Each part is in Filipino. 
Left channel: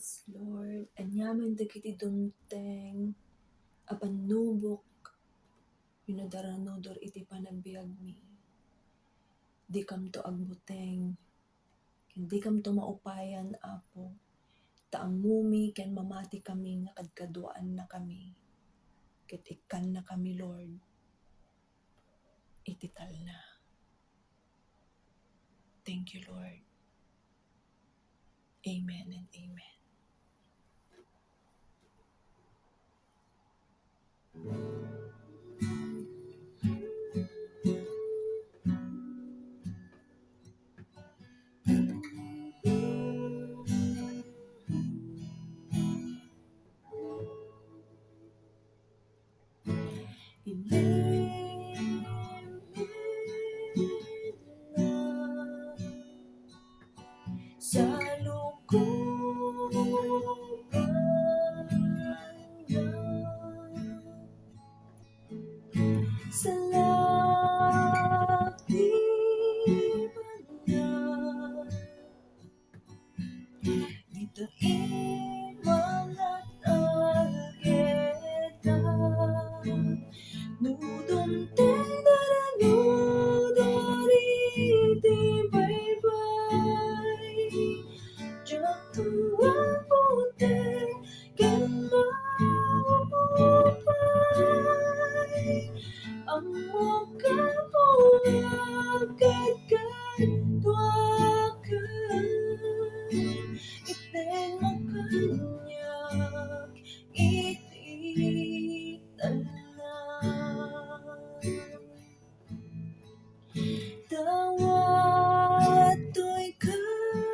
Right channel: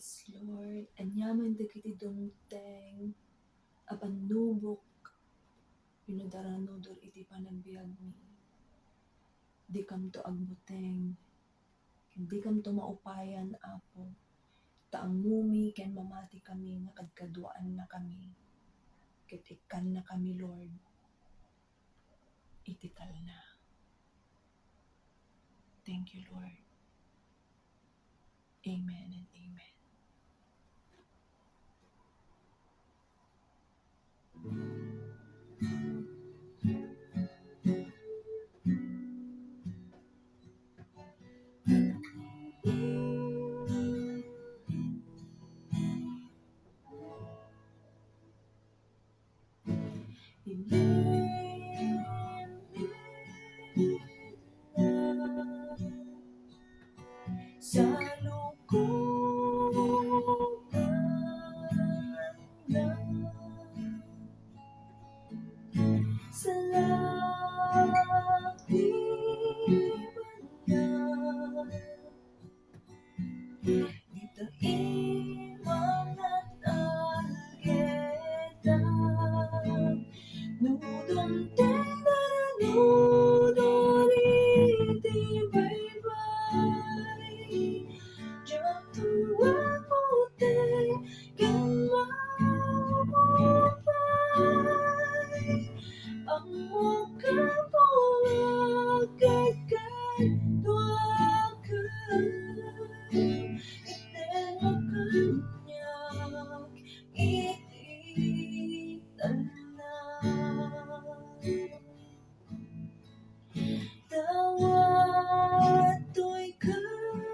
Yes, Lord. Anyaman dagiti dumteng, apan nubok, pinadaranodor iti panagbiag mi. Di kam to agbuteng, hindi kam to maupayan, Apo. Taamumi, ken mamati kami nga kadkaduan na kami. Ket ikkan na kami, Lord. Itital na. Thank you, Lord. Amen and amen. Sa lukuban na sa lakiban na dito imangat algeta nudom tendaranudoriti baybay jatuwa pote kan maupay ang mukapulagad kadwakan iten makanyak iti tawad to'y karawan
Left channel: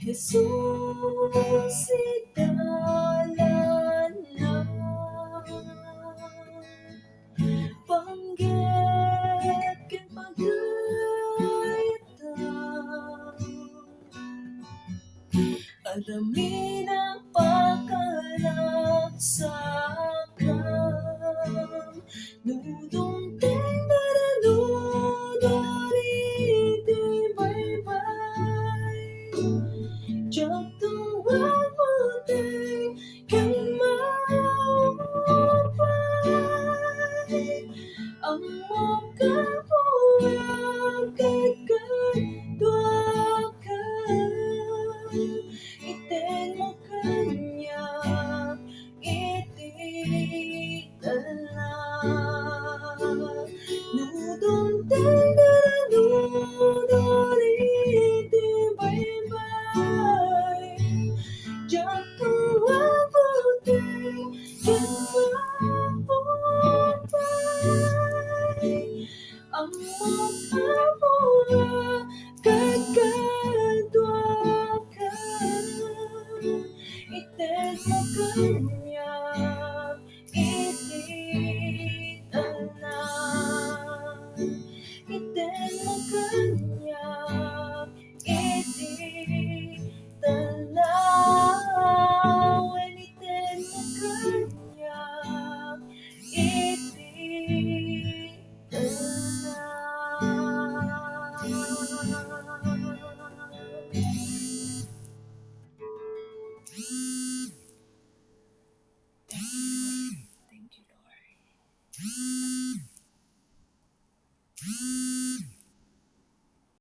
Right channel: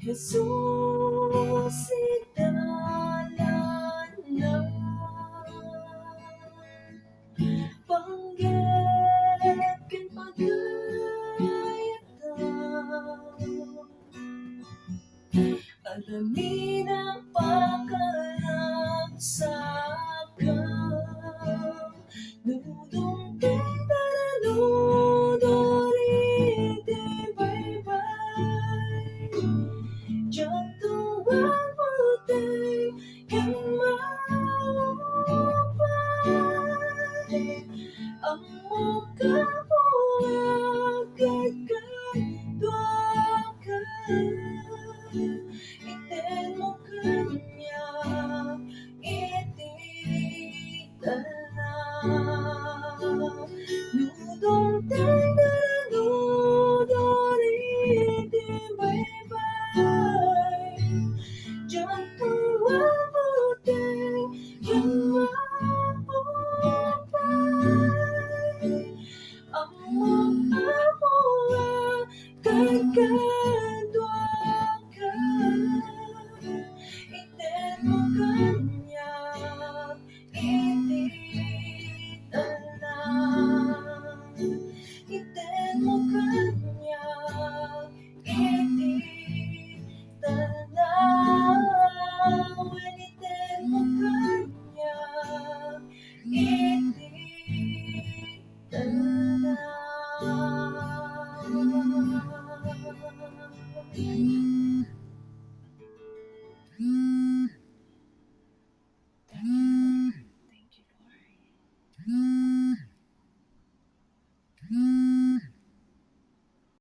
Jesus italan na panggep ken pagayatan alami